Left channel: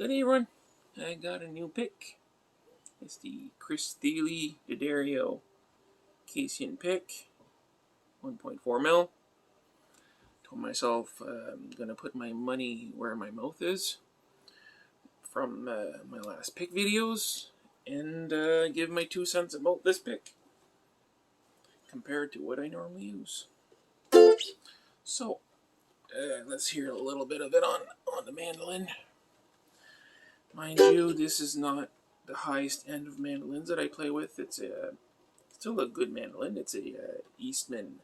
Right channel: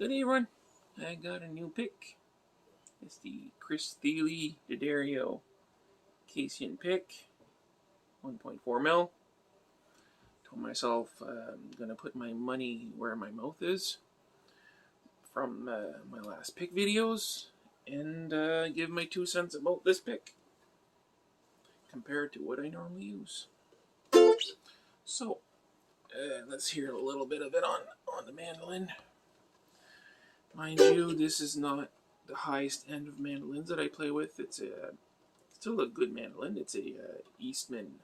Good everyone, I got a new pick. It's the Thile Casein pick, 1.4 mil. Told myself I'm gonna put my money where my mouth is from my last pick videos and give my 2 cents about this pick compared to what I normally use. So let's hear a little bit of it on the mandolin. Mind you, this is not the highest end of mandolins that I play with. It's still a good mandolin. It's a Eastman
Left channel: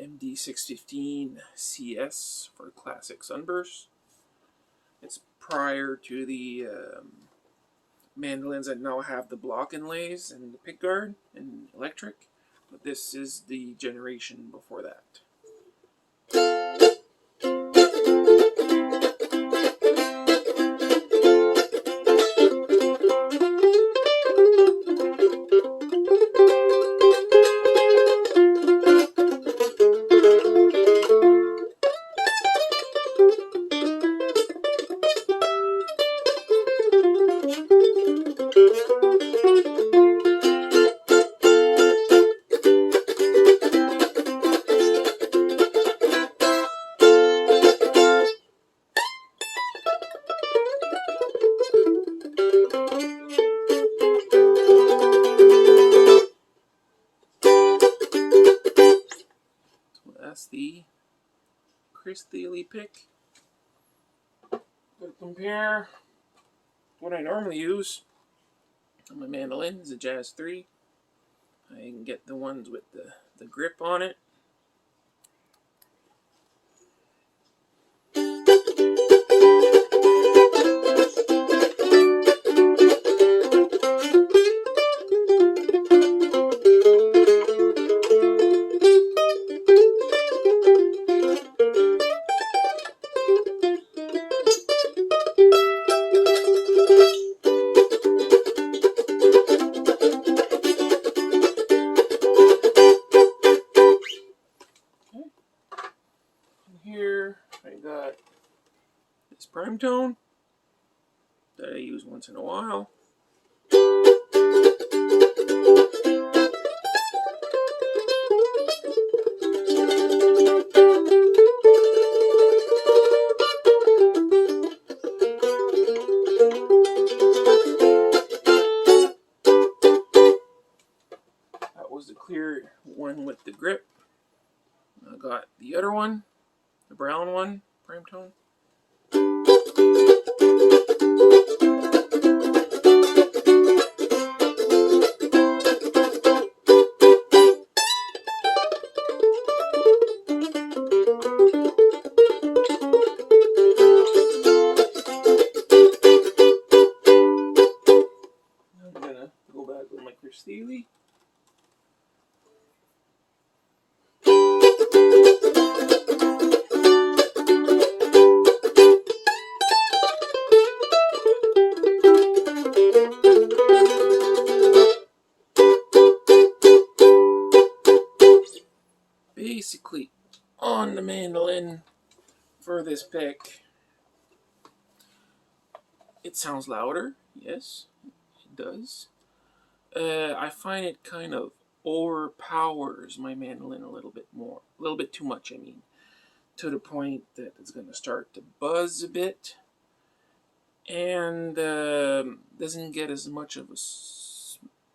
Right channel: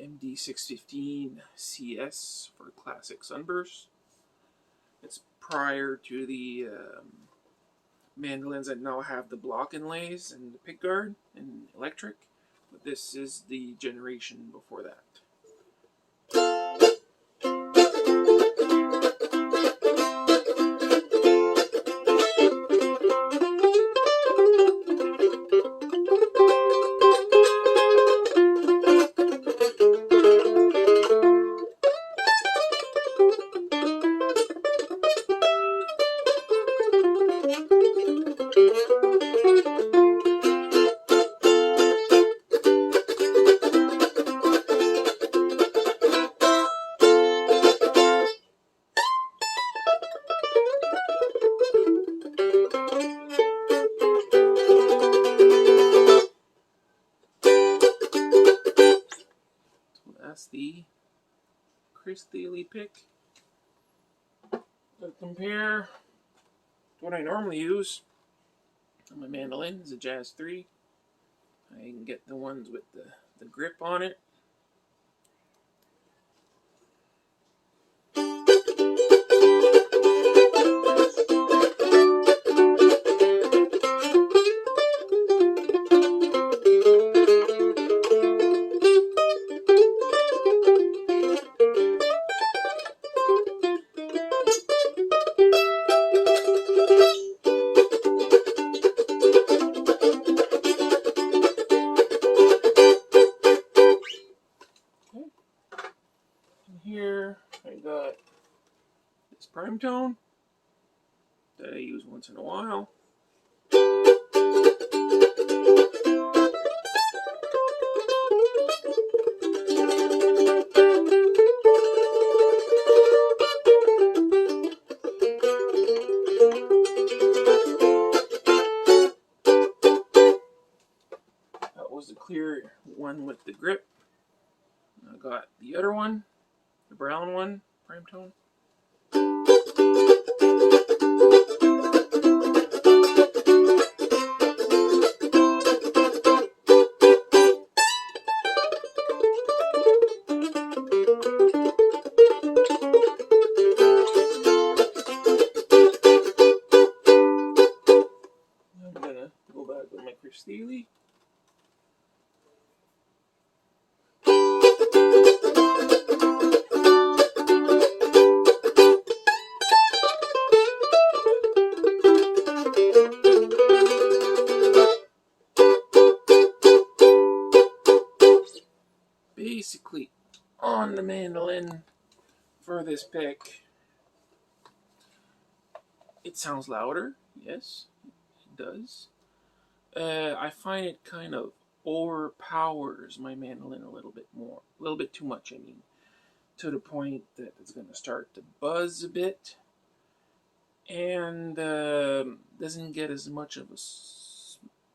MD615 CS for classic sunburst. It's prior to the mandolins that now have the block inlays and the pick guard and electric, but this is the generation before that. That's the Thile pick. To compare what I normally use on my mandolin is a Jazz 3. I can get the ones with the grip on it. Here I got this prime tone that I use once in a while. That was the clear one with the grip. I got the other one, the brown one, prime tone. I'm gonna go back with my Thile. Basically, on the mandolin for this pick, it sounds louder. Yes, it does. I find it kind of overpowers my mandolin a little bit more, a little bit too much. I mean, to the point that it's going to start to buzz a bit, and doesn't get as much of a.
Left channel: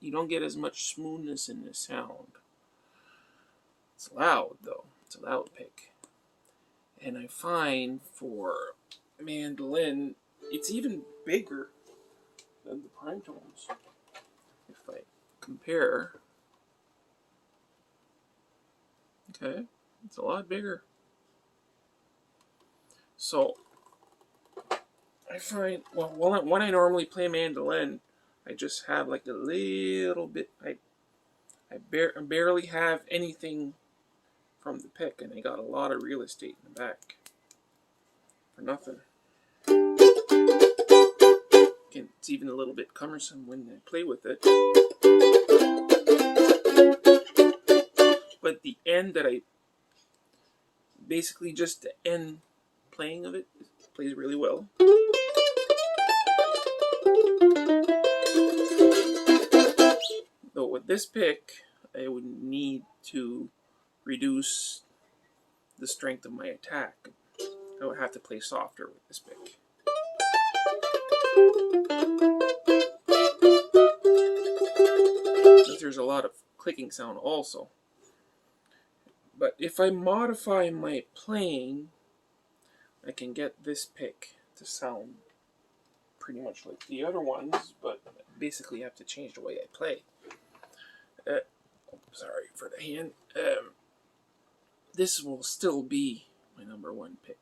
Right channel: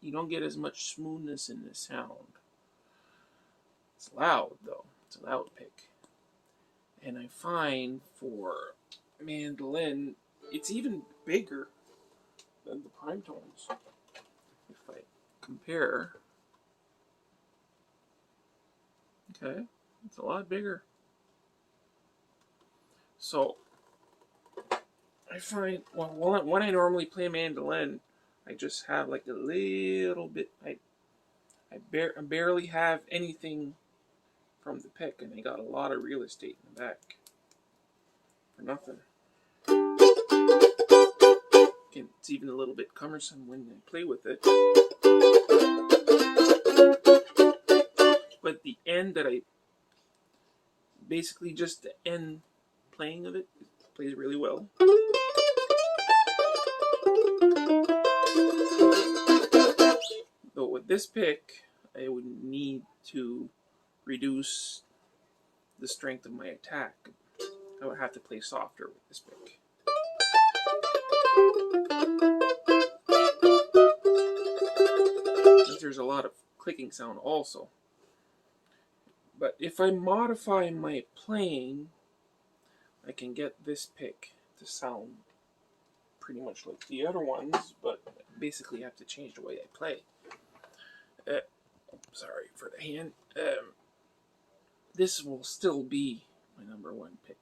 You don't get as much smoothness in the sound. It's loud though. It's a loud pick. And I find for mandolin, it's even bigger than the prime tones. If I compare, okay, it's a lot bigger. So I find, well, when I normally play mandolin, I just have like a little bit. I barely have anything from the pick, and I got a lot of real estate in the back for nothing. Again, it's even a little bit cumbersome when I play with it. But the end that I basically just the end playing of it plays really well. with this pick, I would need to reduce the strength of my attack. I would have to play softer with this pick. But there's a lot of clicking sound also. But if I modify my playing, I can get this pick to sound pretty much like the other ones, but basically have to change the way I play. Sorry for the hand. This will still be my number one pick.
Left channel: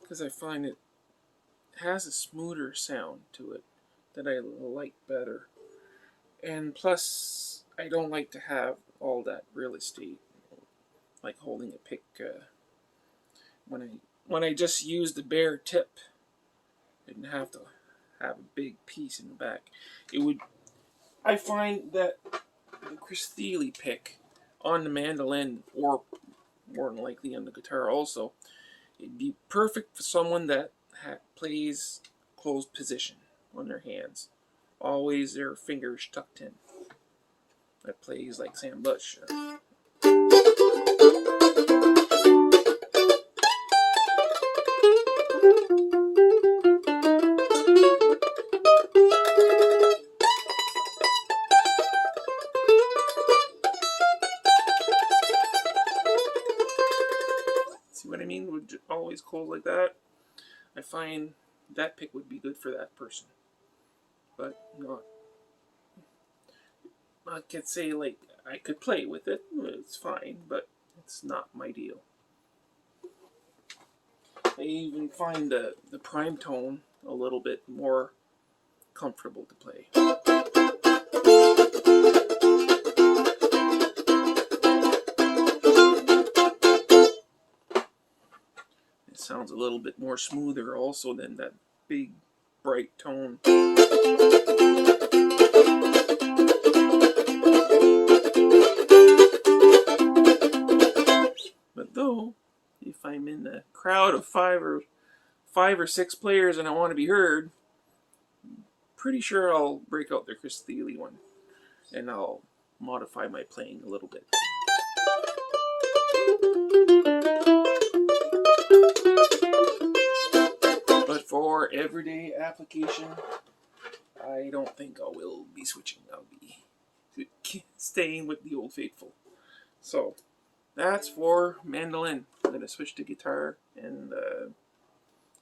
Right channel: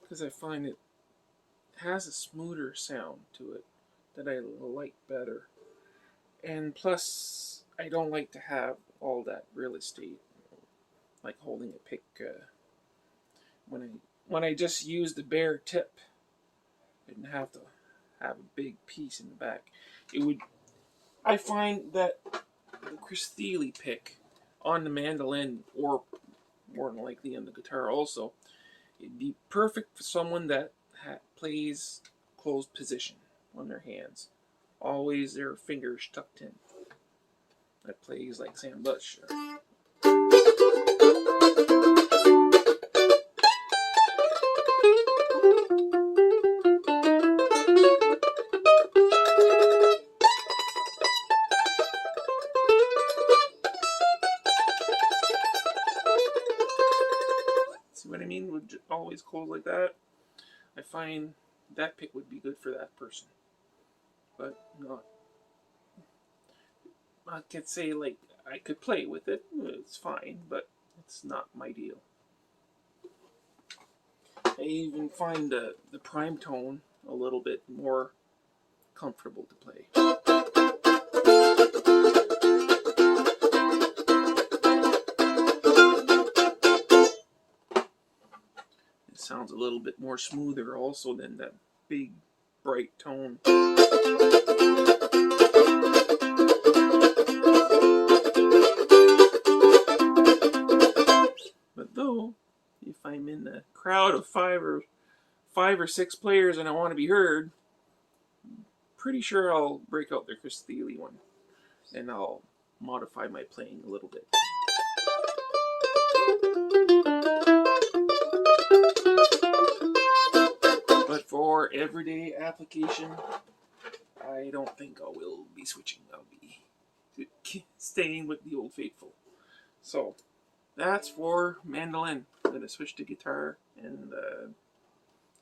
Because I find it has a smoother sound to it that I like better. And plus, I don't like to have all that real estate, like holding a pick. When I just use the bare tip, I didn't have to have a big piece in the back. I find that the Thile pick on the mandolin, or more than likely on the guitar also, it'd be perfect for someone that plays closed position on their hands. Always their fingers tucked in. That plays like Sam Bush. See what I mean? Would always close like that. I find that pick would be good for that person. But not. I could say, like, I could play with it. It's fine, but it's not my deal. I even find the prime tone a little bit more comfortable to play. It sounds a little bit more smoother also than that big, bright tone. But though, if I'm in a crowd of five or six players and I want to be heard, I'm pretty sure I'll break out the Thile one, and I'll modify my playing a little bit. But for everyday application, I don't think I will be switching. I'll be staying with the old faithful. So that's for mandolin. I'm going to switch to guitar and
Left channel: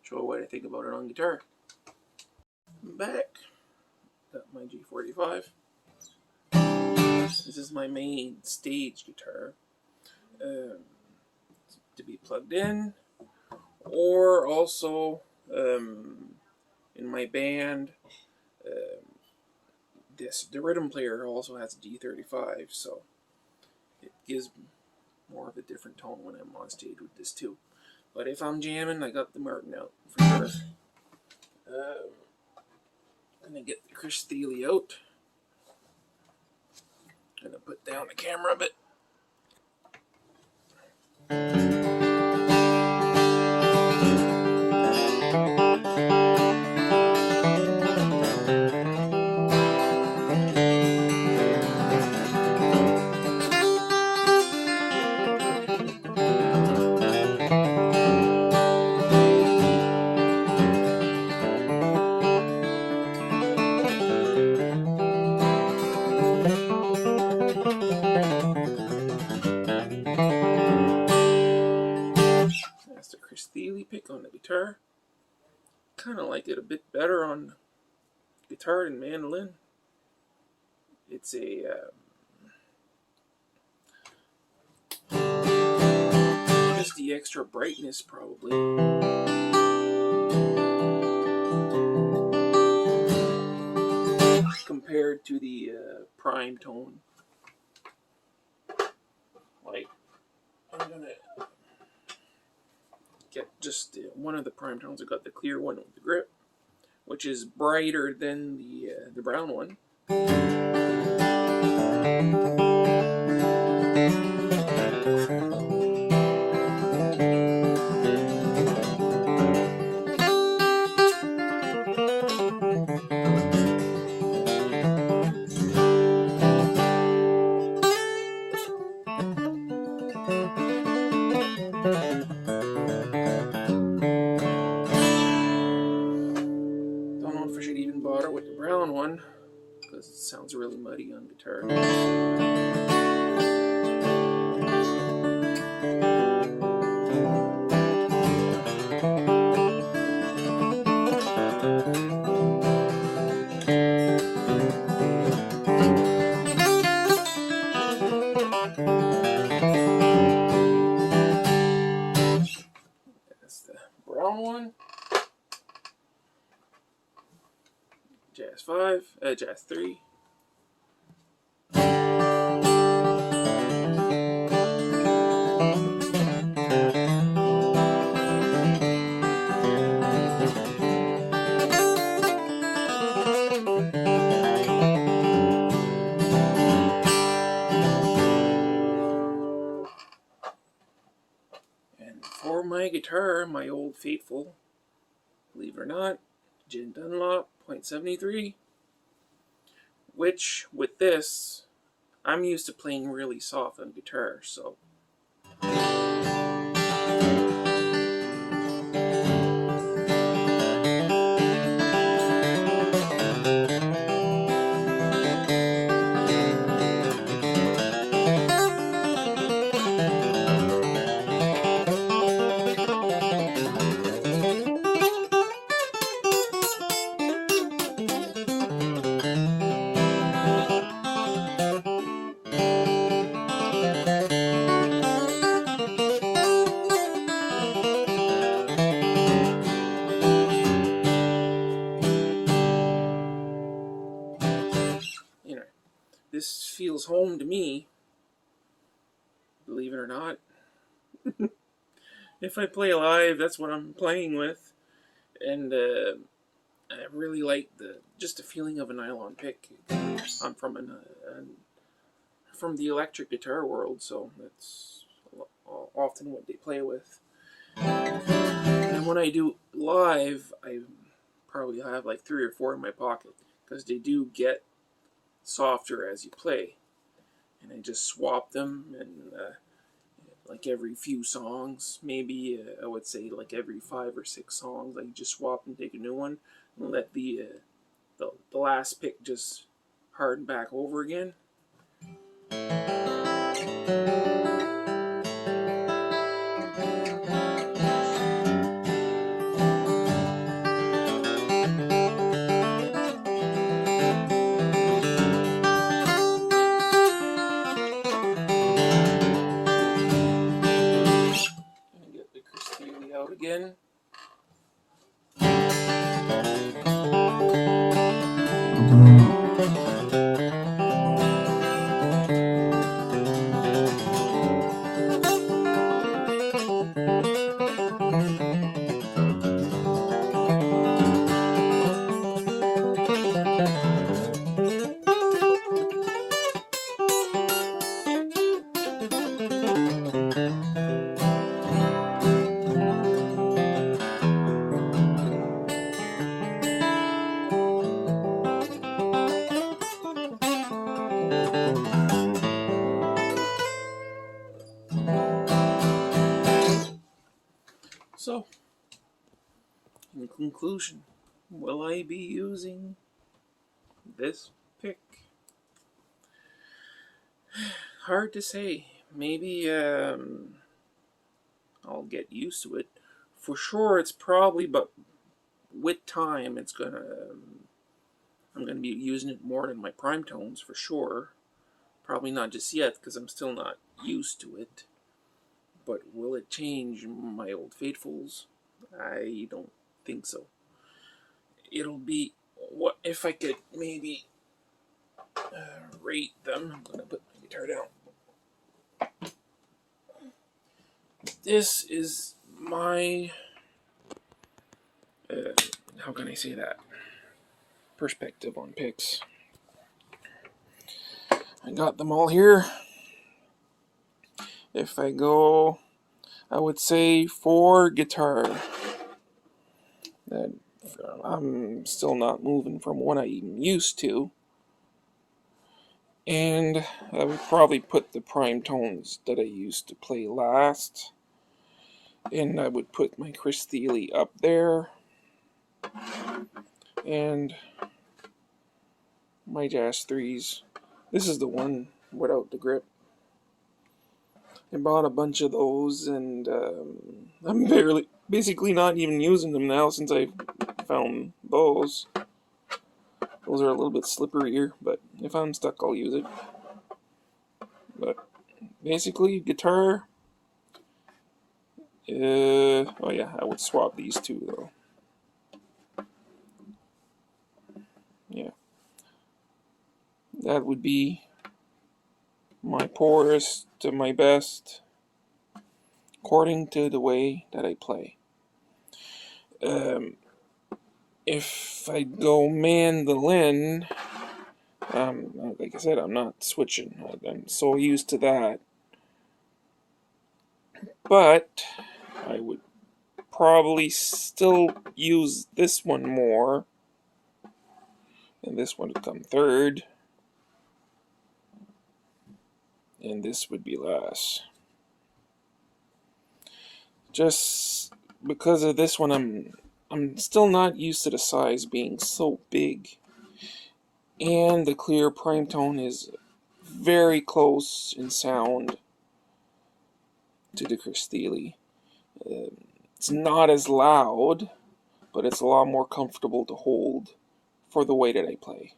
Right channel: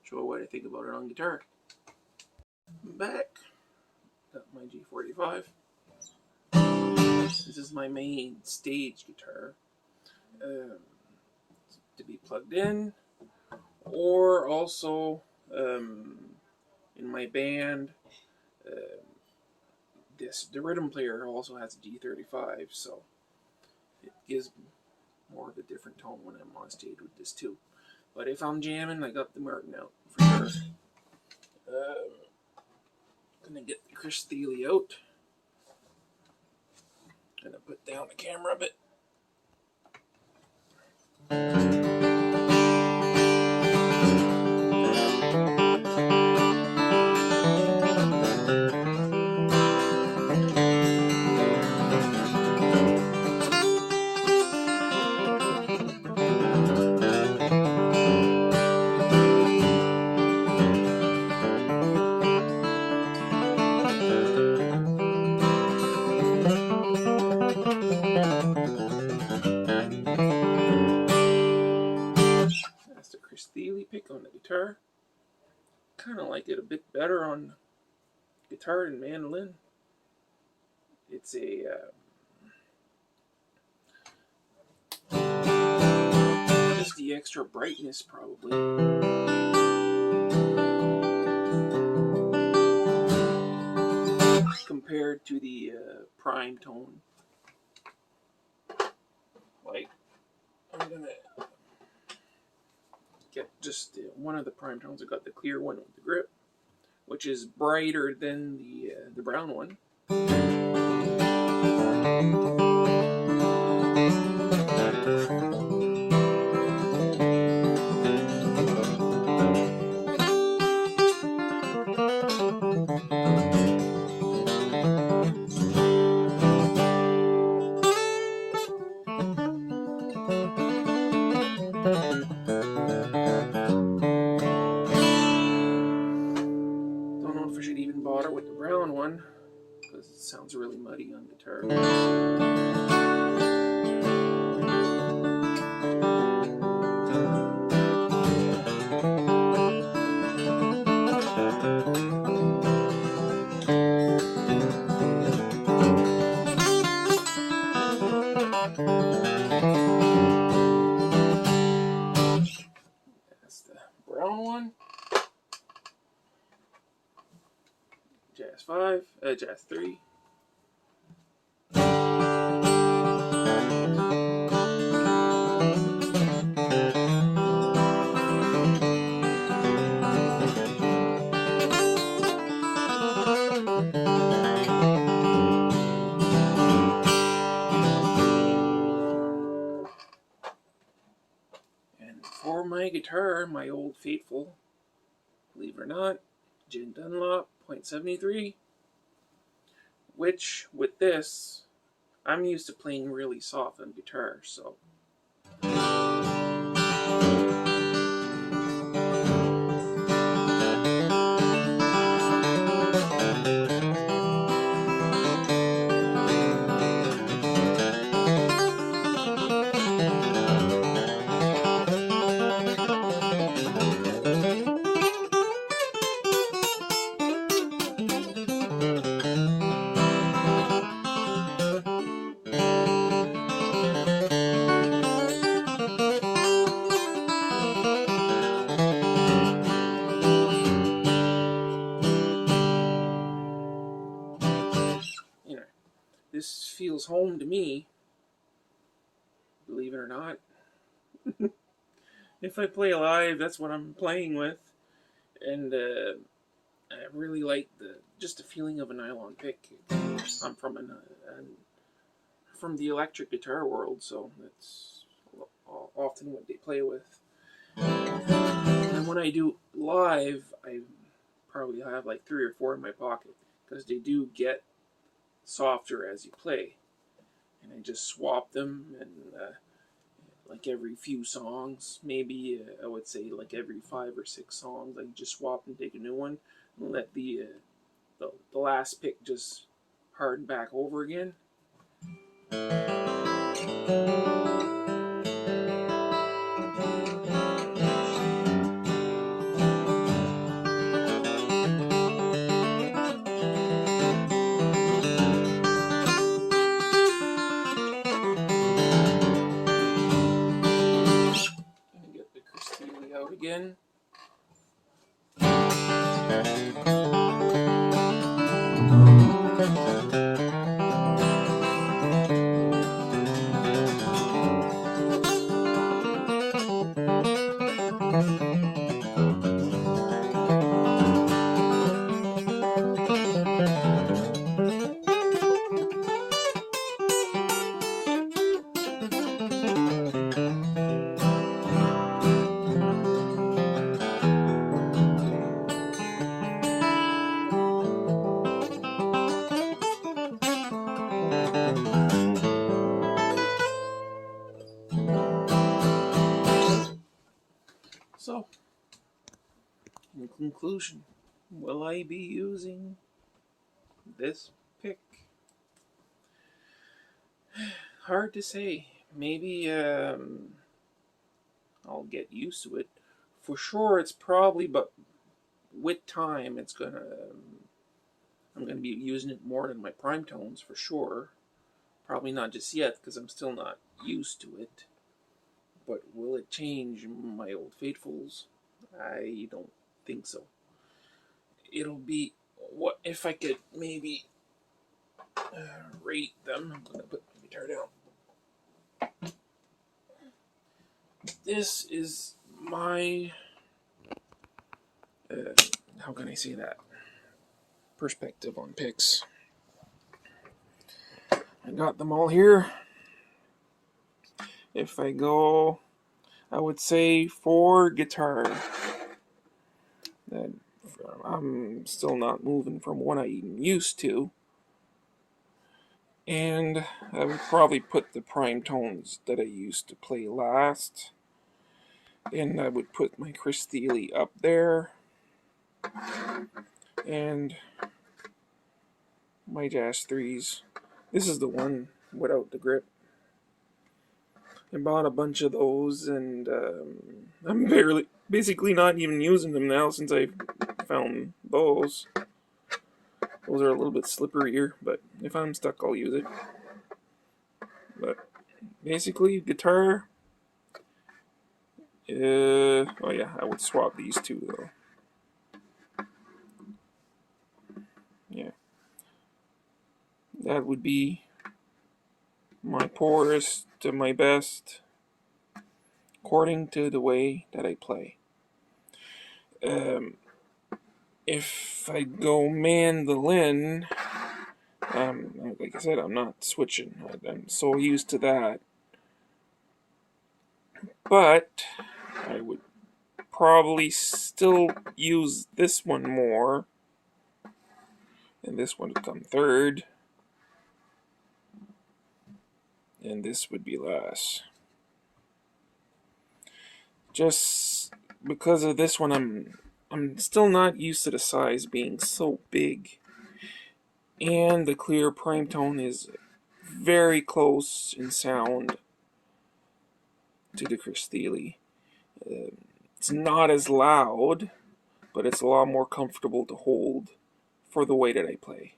show what I think about it on guitar. Back. Got my G45. This is my main stage guitar. To be plugged in, or also in my band, the rhythm player also has a G35, so it gives more of a different tone when I'm on stage with this too. But if I'm jamming, I got the Martin out for sure. Gonna get the Thile out. Gonna put down the camera a bit. That's the Thile pick on the guitar. Kind of like it a bit better on guitar and mandolin. It's a just the extra brightness probably. Compared to the prime tone. Like, I'm gonna get just one of the prime tones. I got the clear one with the grip. which is brighter than the brown one. Don't know if I should even bother with the brown one, because it sounds really muddy on guitar. That's the brown one. Jazz 5, Jazz 3. And for my guitar, my old faithful, believe it or not, Gin Dunlop .73, which with this, I'm used to playing really soft on guitar, so. This feels home to me, believe it or not. If I play live, that's what I'm playing with, and I really like just the feeling of a nylon pick. I'm from from the electric guitar world, so that's often what they play with. And when I do live, I probably have like 3 or 4 in my pocket, because they do get softer as you play, and I just swap them, and like every few songs, maybe I would say like every 5 or 6 songs, I just swap and take a new one, and let the last pick just harden back over again. Thile out again. So, in conclusion, will I be using this pick? Hard to say. Maybe I'll get used to it. For sure, it's probably, but with time, I'm gonna be using it more in my prime tones for sure. Probably not just yet, because I'm still not used to it. But will it change my old faithfuls? I don't think so. It'll be, what if I could maybe rate them. I'm gonna put my guitar down. This is my how can I say that? perspective on picks. I got them all here. If I go, I would say for guitar, that I'm still not moving from what I even used to. And I would probably put the prime tones that I used to play last. And I would put my Thile up there. And my Jazz 3s. This is the one without the grip. I bought a bunch of those, and I'm basically not even using them now since I found those. Those are a little bit slipperier, but if I'm stuck, I'll use it. But basically, guitar. Oh yeah, I would swap these two though. Yeah, that would be my poorest to my best, according to the way that I play. If I go mandolin, like I said, I'm not switching. I'm so used to that. But I would probably still use this one more, and this one would come third, and this would be last. Just because of this one, I'm still not used to the size being so big, and the clear prime tone is very close in sound to the Thile. It's not as loud, but it's a lot more comfortable to hold for the way that I play.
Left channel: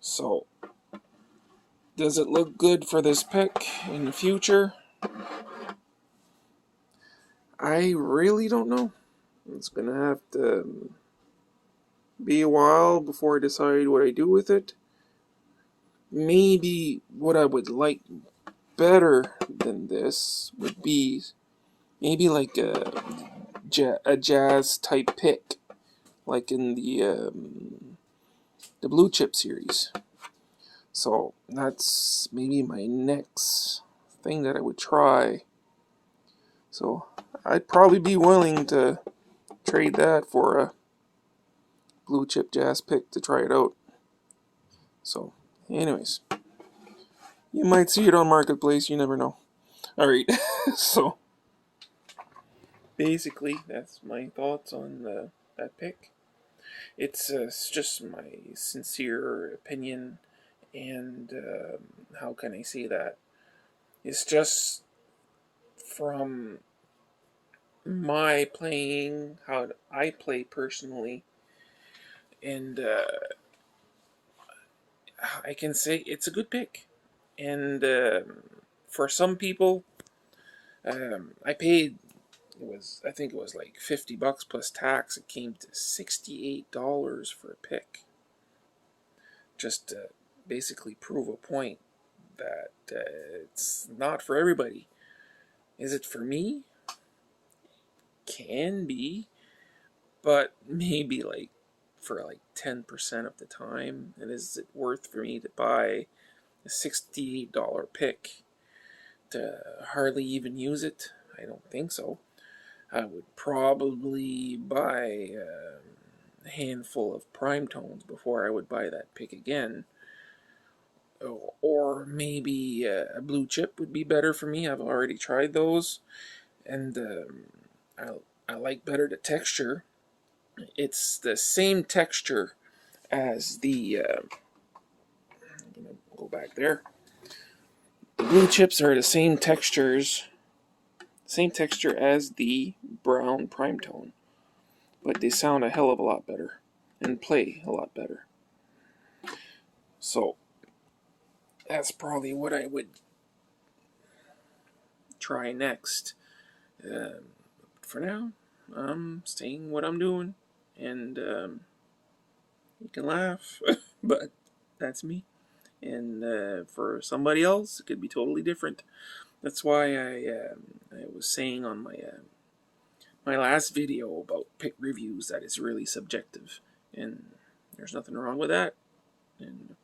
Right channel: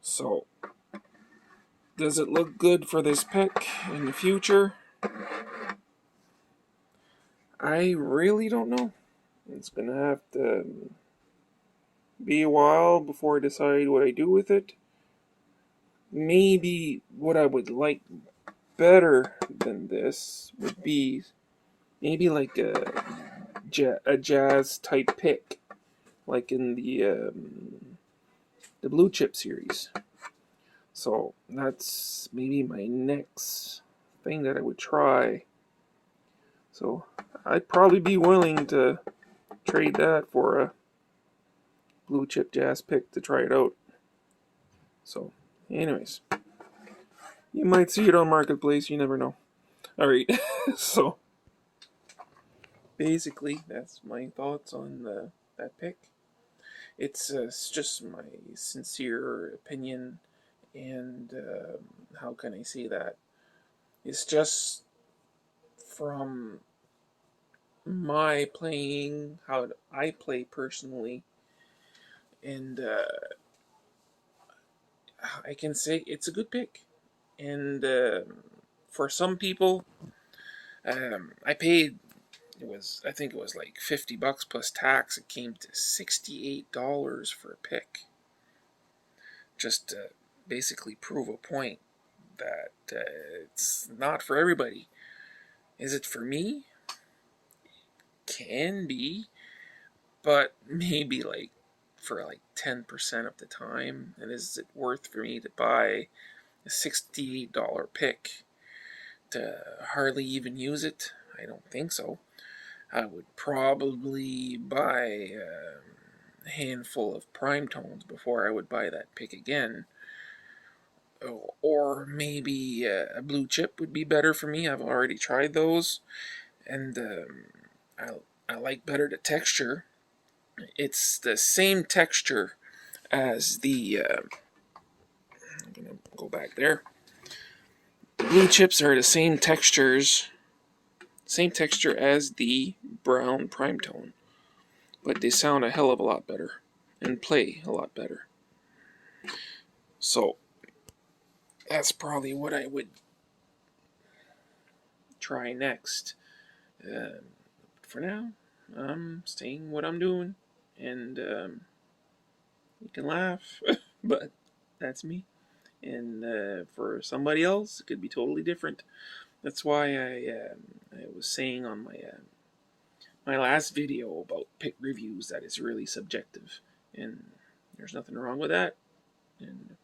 So, does it look good for this pick in the future? I really don't know. It's gonna have to be a while before I decide what I do with it. Maybe what I would like better than this would be maybe like a jazz type pick, like in the blue chip series. So that's maybe my next thing that I would try. So I'd probably be willing to trade that for a blue chip jazz pick to try it out. So anyways, you might see it on Marketplace, you never know. Alright, so basically that's my thoughts on that pick. It's just my sincere opinion, and how can I say that? It's just from my playing, how I play personally, and I can say it's a good pick. And for some people, I paid, I think it was like $50 plus tax. It came to $68 for a pick, just to basically prove a point that it's not for everybody. Is it for me? Can be, but maybe like for like 10% of the time. And is it worth for me to buy a $68 pick to hardly even use it? I don't think so. I would probably buy a handful of prime tones before I would buy that pick again. Or maybe a blue chip would be better for me. I've already tried those, and I like better the texture. It's the same texture as the I'm gonna go back there. The blue chips are the same texture as the brown prime tone, but they sound a hell of a lot better and play a lot better. So that's probably what I would try next. For now, I'm staying what I'm doing, and you can laugh, but that's me. And for somebody else, it could be totally different. That's why I was saying on my last video about pick reviews that it's really subjective, and there's nothing wrong with that. And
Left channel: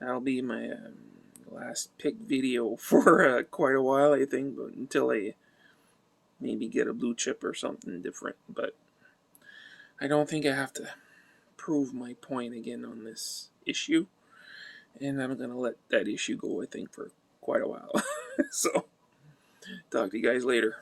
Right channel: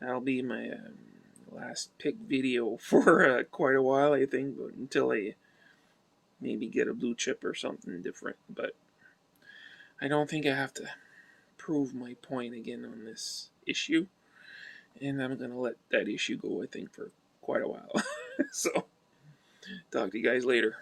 that'll be my last pick video for quite a while, I think, until I maybe get a blue chip or something different. But I don't think I have to prove my point again on this issue, and I'm gonna let that issue go, I think, for quite a while. So talk to you guys later.